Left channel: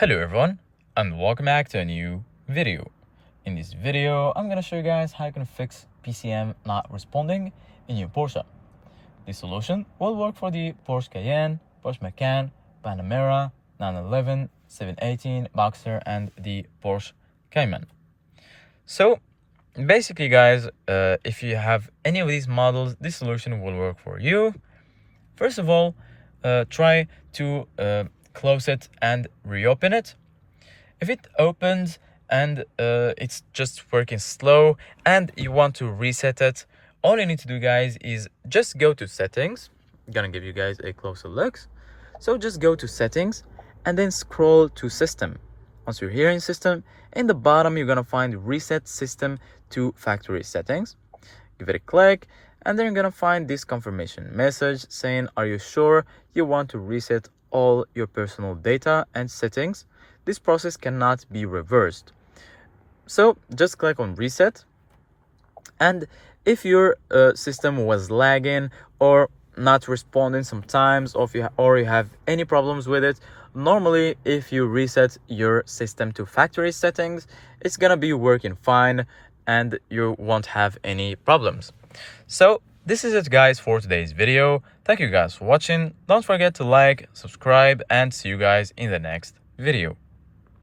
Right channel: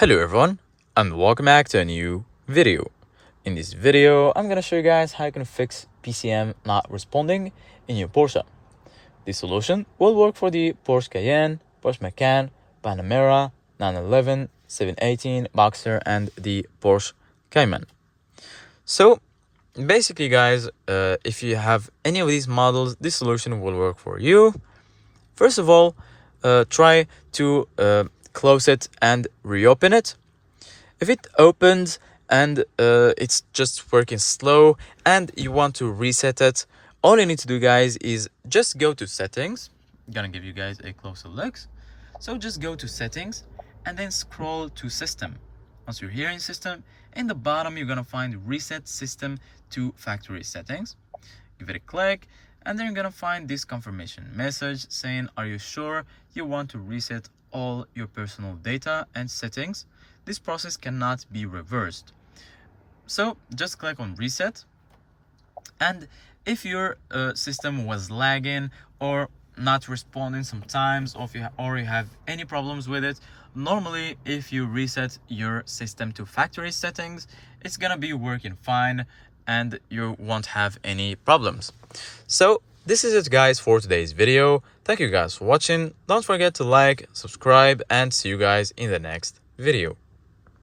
Hello everyone, and welcome back to a new video. In this video, I'm gonna show you guys how you can fix PCM not responding in your Porsche. This solution will work for the Porsche Cayenne, Porsche Macan, Panamera, 911, 718, Boxster, and the Porsche Cayman. So basically guys, if you have any of these models, this solution will work for you. First of all, try to close it and reopen it. If it opens and it's just working slow and you want to reset it, all you need to do guys is just go to settings. I'm gonna give you guys a closer look. So just go to settings and then scroll to system. Once you're here in system, in the bottom you're gonna find reset system to factory settings. Give it a click and then you're gonna find this confirmation message saying, are you sure you want to reset all your personal data and settings? This process cannot be reversed. So just click on reset, and if your system was lagging or not responding sometimes, or you have any problems with it, normally if you reset your system to factory settings, it's gonna be working fine and you won't have any problems. So this is it guys for today's video. Thank you guys for watching. Don't forget to like, subscribe, and see you guys in the next video.